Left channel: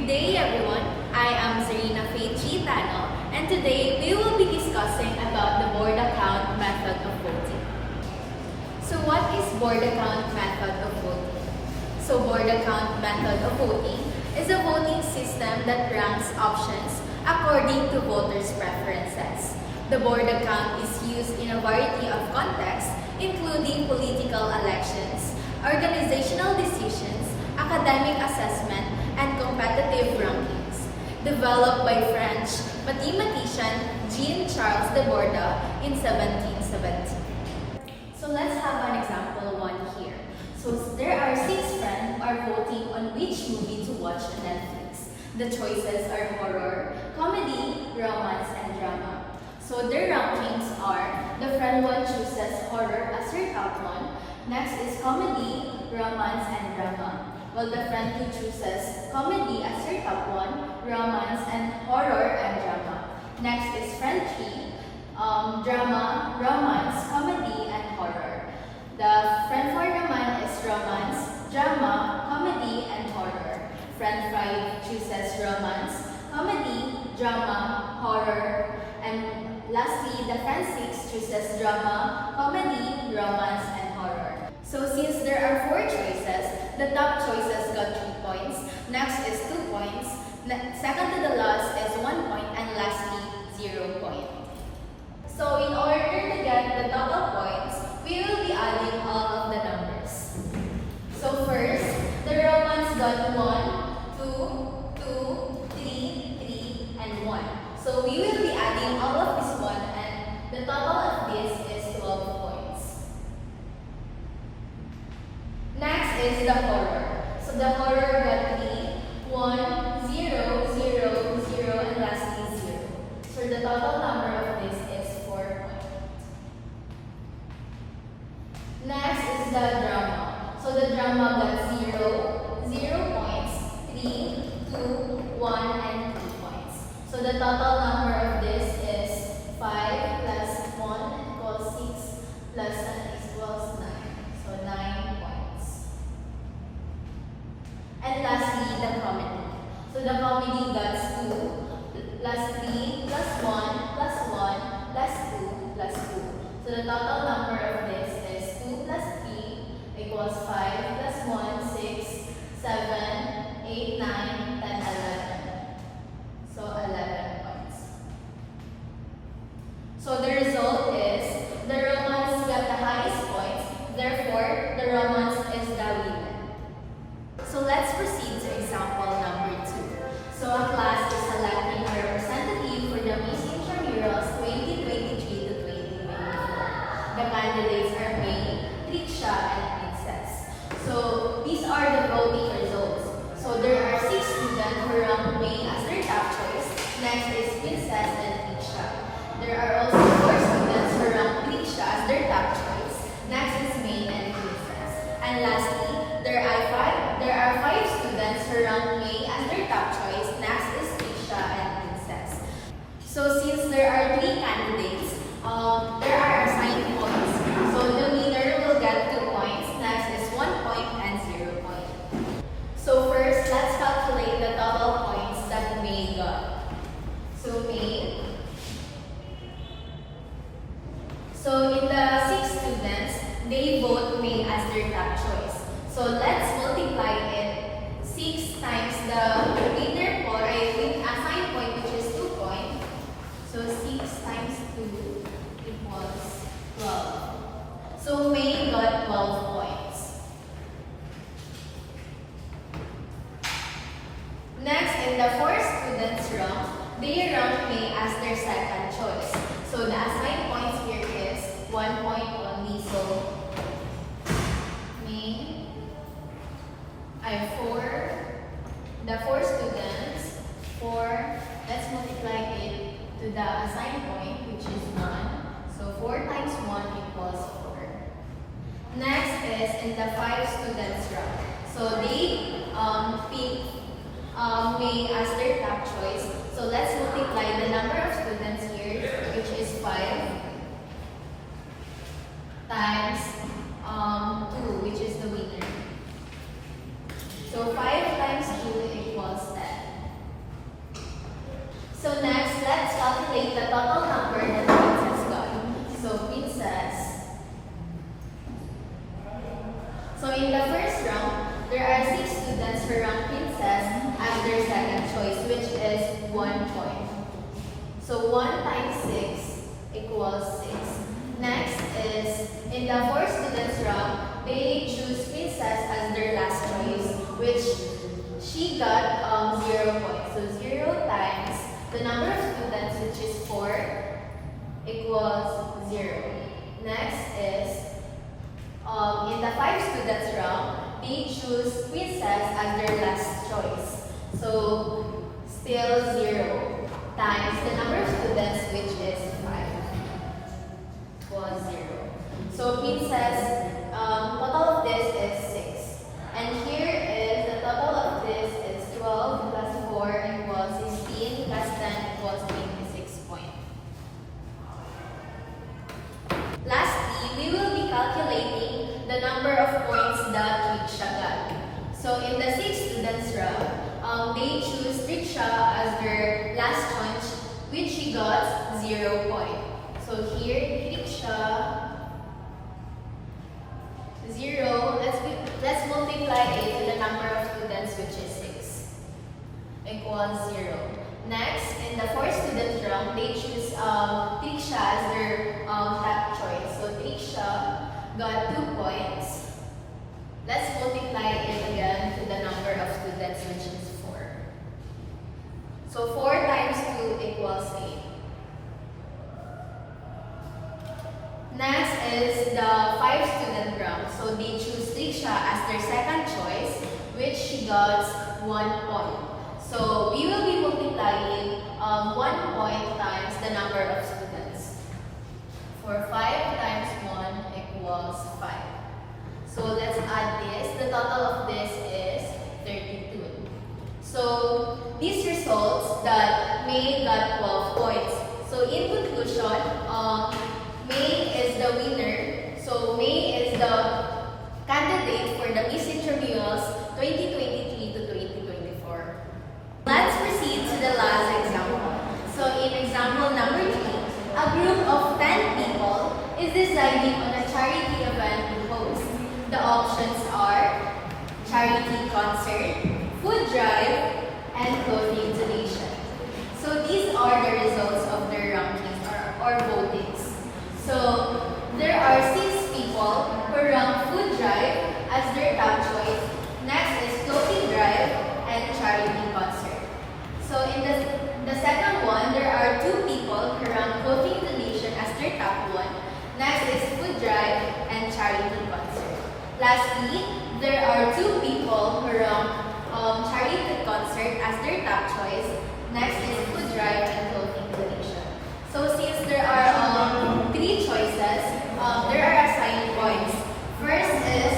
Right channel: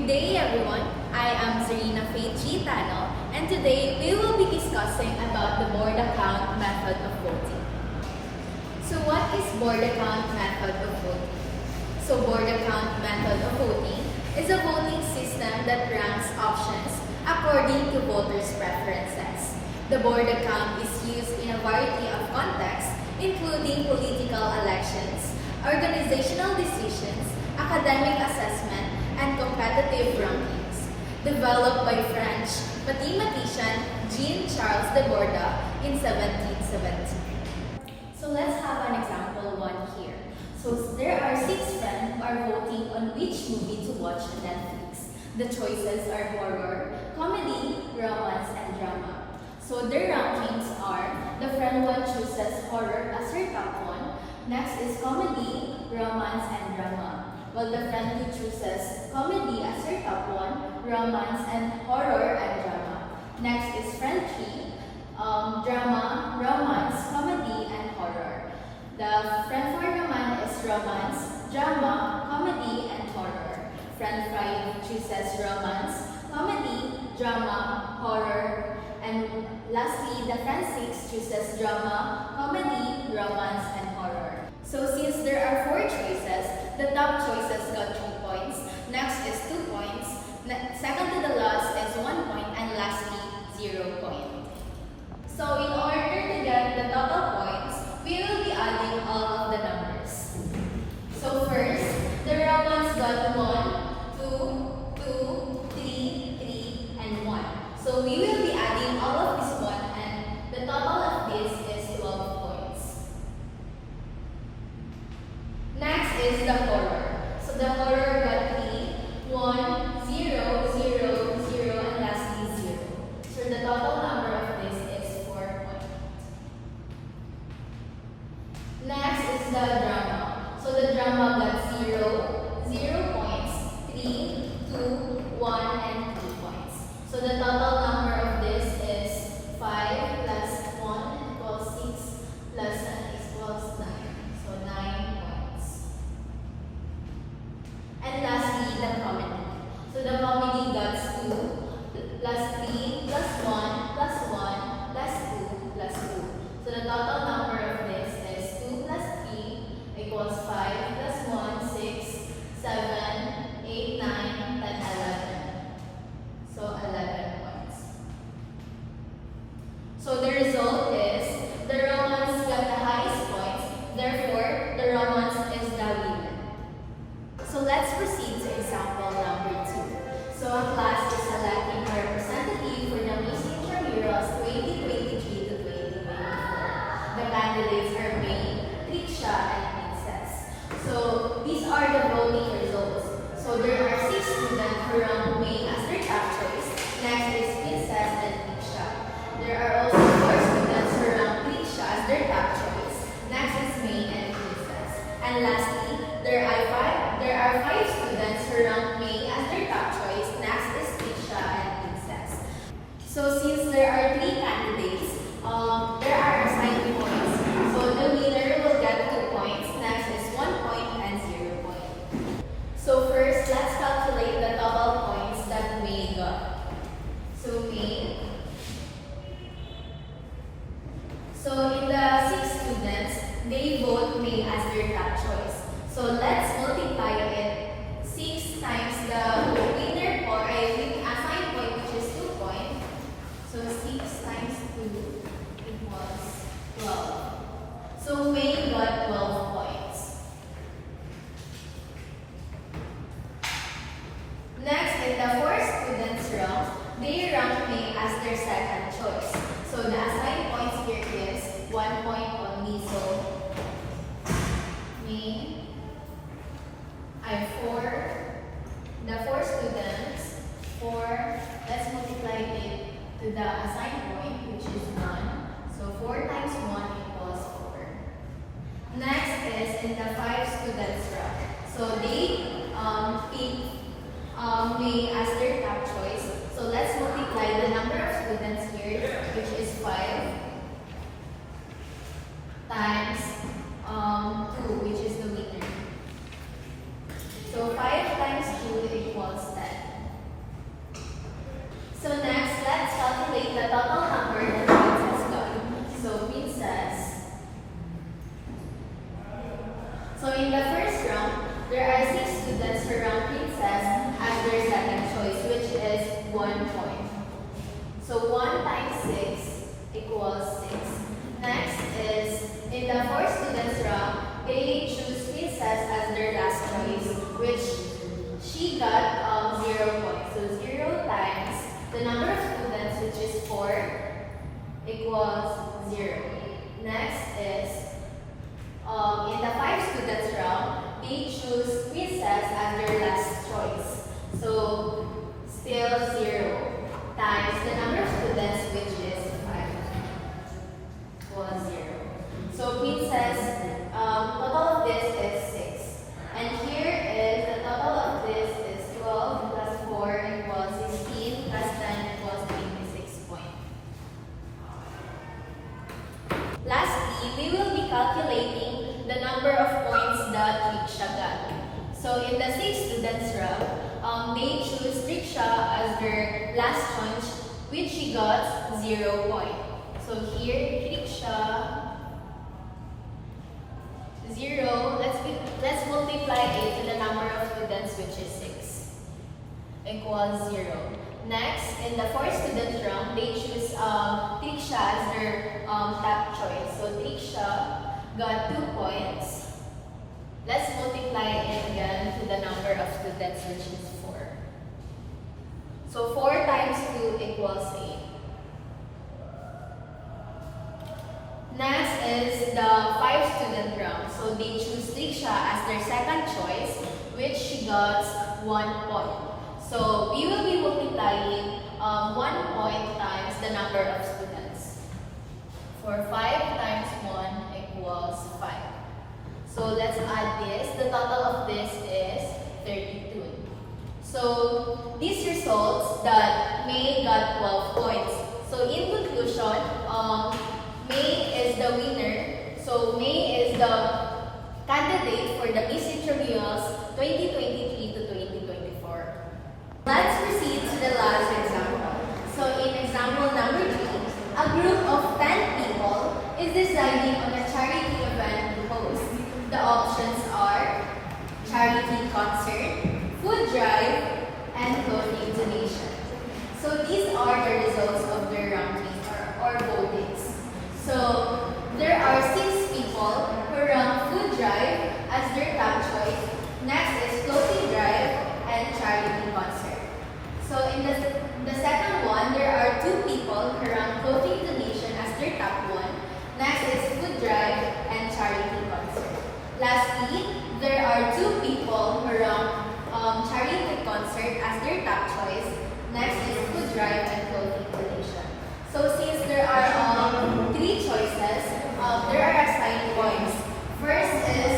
Good day everyone, I am Zarina Faith Gitano and today we will be discussing about the board account method of voting. So what is board account method of voting? So board account method of voting is a voting system that ranks options according to voters' preferences. The board account is used in a variety of contexts including political elections, organizational decisions, academic assessment, and competitive rankings. Developed by French mathematician Jean-Charles Deborda in 1770. So let's have an example one here. So there are 6 friends who are voting on which movie to watch on Netflix. The choices are horror, comedy, romance, and drama. So their rankings are, the friend 1 chooses horror as her top one, next is comedy, romance, and drama. While the friend 2 chooses comedy as her top one, romance, and horror, and drama. Next is friend 3, drama, romance, comedy, and horror. The friend 4 naman is romance, drama, comedy, and horror. Friend 5 chooses romance, comedy, drama, horror, and lastly, the friend 6 chooses drama, comedy, romance, and horror. So since there are 4 choices, the top choices got 3 points, next is 2 points, second to the last is 1 point, and lastly, 0 point. So in order to get the total points, we will be adding all of the numbers. So first, the romance got 1, 2, 2, 3, 3, and 1. So we will be adding all of this one, and the total of this is 12 points. Next is the horror. So the horror got 3, 1, 0, 0, 0, and lastly 0. So the total number of this is 4 points. Next is the drama. So the drama got 0, 0 points, 3, 2, 1, and 3 points. So the total number of this is 5 plus 1 equals 6 plus 1 equals 9. So 9 points. And lastly, the comedy. So the comedy got 2 plus 3 plus 1 plus 1 plus 2 plus 2. So the total number of this is 2 plus 3 equals 5 plus 1, 6, 7, 8, 9, 10, 11. So 11 points. So the result is the romance got the highest points, therefore the romance is the winner. So let's proceed to example number 2. So a class is selecting a representative for the Miss Intramurals 2023 to 2024. The candidates are May, Tricia, and Princess. So these are the voting results. So there are 6 students who rank May as their top choice. Next is Princess and Tricia. There are also 4 students who rank Tricia as their top choice. Next is May and Princess. And lastly, there are 5 students who rank May as their top choice. Next is Tricia and Princess. So since there are 3 candidates, there are assigned points. So the winner will get 2 points. Next is 1 point and 0 point. So first, let's calculate the total points that May got. So May. So in the 6 students, they vote May as their top choice. So let's multiply it 6 times the winner or assigned point, which is 2 points. So 6 times 2 equals 12. So May got 12 points. Next, in the 4 students rank, they rank May as their second choice. So the assigned points here is 1 point only. So May, I have 4. The 4 students, 4. Let's multiply it to the assigned point, which is 1. So 4 times 1 equals 4. Next is in the 5 students rank. So they pick May as their top choice. So let's multiply the number of students here, which is 5, times 2, which is the winner. So 5 times 2 equals 10. So next, let's calculate the total number that Princess got. So Princess. So in the first round, there are 6 students who rank Princess as their second choice, which is 1 point. So 1 times 6 equals 6. Next is, in the 4 students round, they choose Princess as their last choice, which she got 0 points. So 0 times the number of students, which is 4, equals 0. Next is, in the 5 students round, they choose Princess as their last choice. So still 0 times the number of students, which is 5, equals 0. So Princess, total of this is 6. And here is the total of this is 12 plus 4 equals 16 plus 10 equals 26 points. Lastly, we will be calculating the number of points that Riksha got. So in the 6 students round, they choose Riksha as their last choice, which she got 0 point. So here, Riksha 0. Let's multiply it to the number of students, which is 6, equals 0. Next, in the 4 students round, they choose Triksha as their top choice. So Triksha got 2 points. Let's multiply it again to the number of students, which is 4. So 4 times 2 equals 8. Next is the 5 student round. So they choose Triksha as their second choice, which she got 1 point. So we will be multiplying 1 point times the number of students. For 5 times 1 equals 5. So let's add this. The total of this is 32. So these results that May got 12 points. So in conclusion, May is the winner. So May is the candidate for the Miss Intramurals 2023 to 2024. Let's proceed to the last example. So in example number 3, a group of 10 people is deciding on a charity event to host. The options are charity concert, food drive, and clothing donation. So these are the results of their rankings or votings. So there are 6 people who rank food drive as their top choice. Next is clothing drive and charity concert. So in the second one, there are 2 people who rank clothing donation as their top one. Next is food drive and charity concert. Lastly, there are 2 people who rank charity concert as their top choice. Next is food drive and clothing donation. So since there are 3 choices, there are assigned points. First is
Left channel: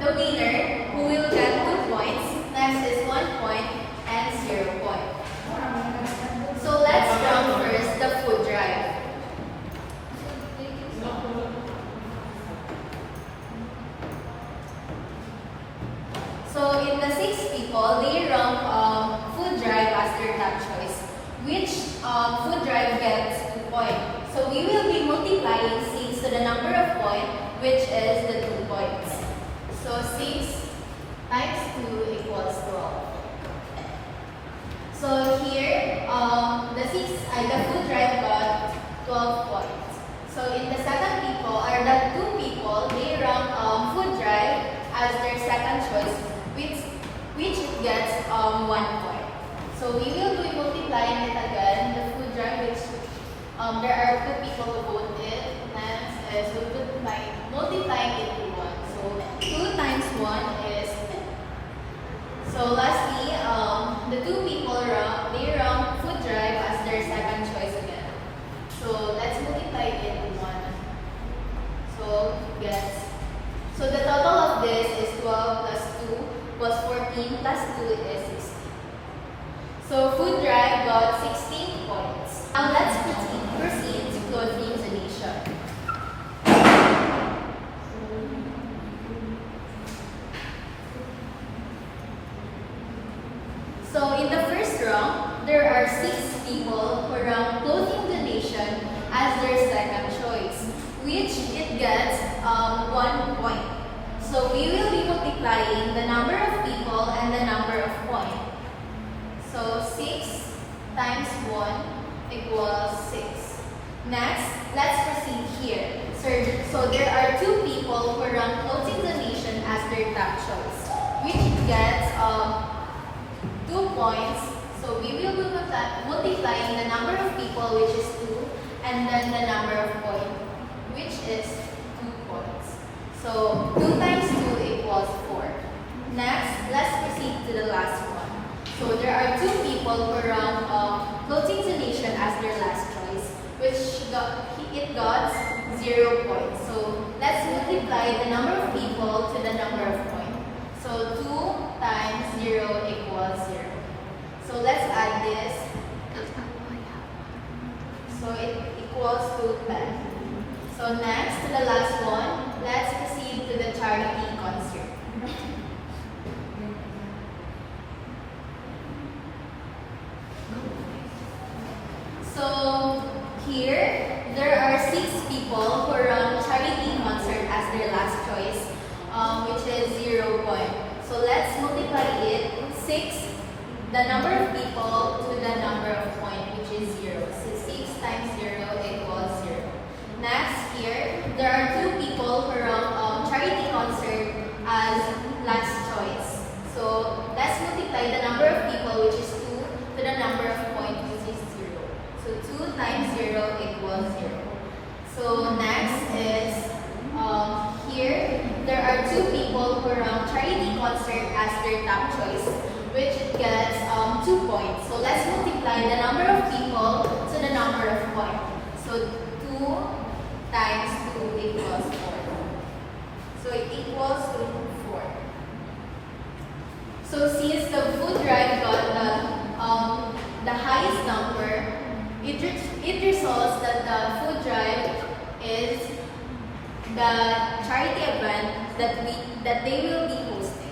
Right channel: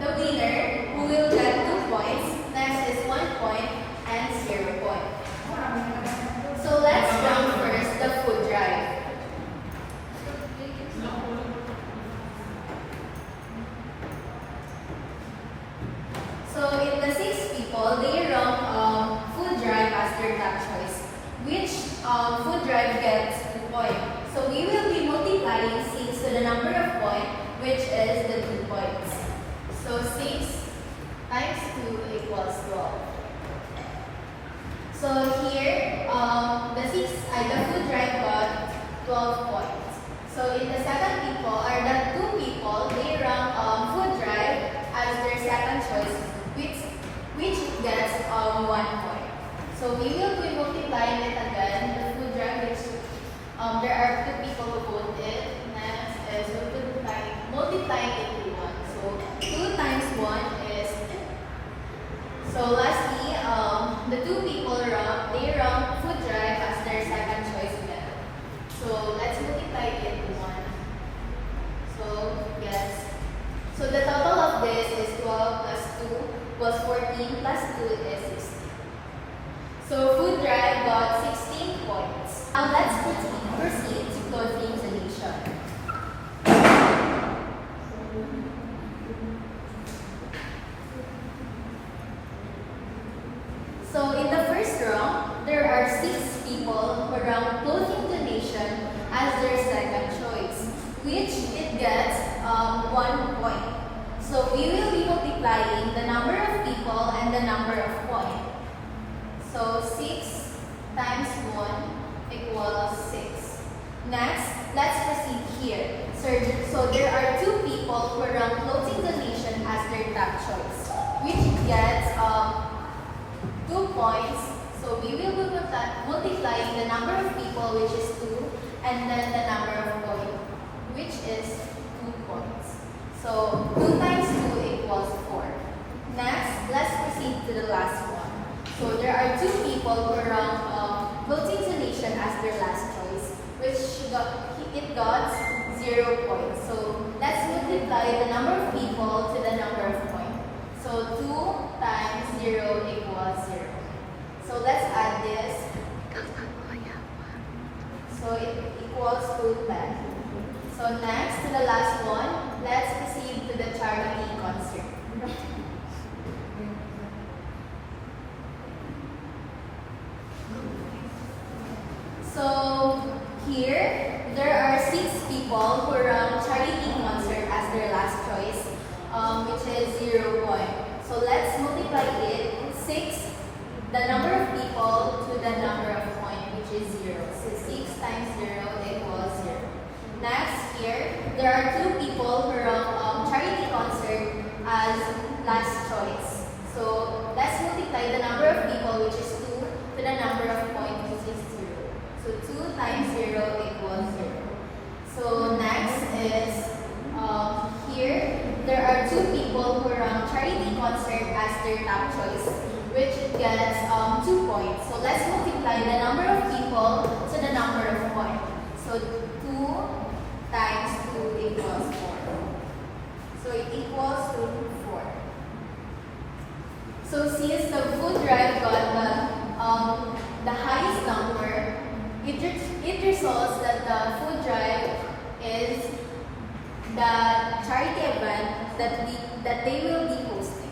the winner, who will get 2 points. Next is 1 point and 0 point. So let's rank first the food drive. So in the 6 people, they rank food drive as their top choice, which food drive gets 2 points. So we will be multiplying 6 to the number of points, which is the 2 points. So 6 times 2 equals 12. So here, the food drive got 12 points. So in the second people, or the 2 people, they rank food drive as their second choice, which gets 1 point. So we will be multiplying it again. The food drive, which there are 2 people who voted. Next is we will be multiplying it to 1. So 2 times 1 is 10. So lastly, the 2 people they rank food drive as their second choice again. So let's multiply it to 1. So the total of this is 12 plus 2 plus 14 plus 2 is 16. So food drive got 16 points. Now let's proceed to clothing donation. So in the first round, there are 6 people who rank clothing donation as their second choice, which it gets 1 point. So we will be multiplying the number of people and the number of points. So 6 times 1 equals 6. Next, let's proceed here. So there are 2 people who rank clothing donation as their top choice, which gets 2 points. So we will be multiplying the number of people, which is 2, and then the number of points, which is 2 points. So 2 times 2 equals 4. Next, let's proceed to the last one. So there are 2 people who rank clothing donation as their last choice, which it got 0 points. So let's multiply the number of people to the number of points. So 2 times 0 equals 0. So let's add this. So it equals to 10. So next, to the last one, let's proceed to the charity concert. So here, there are 6 people who rank charity concert as their last choice, which is 0 point. So let's multiply it 6, the number of people to the number of point, which is 0. So 6 times 0 equals 0. Next here, there are 2 people who rank charity concert as last choice. So let's multiply the number of people, which is 2, to the number of point, which is 0. So 2 times 0 equals 0. So next is here, there are 2 people who rank charity concert as their top choice, which gets 2 points. So let's multiply the number of people to the number of points. So 2 times 2 equals 4. So it equals to 4. So since the food drive got the highest number, it results that the food drive is the charity event that they will be hosting.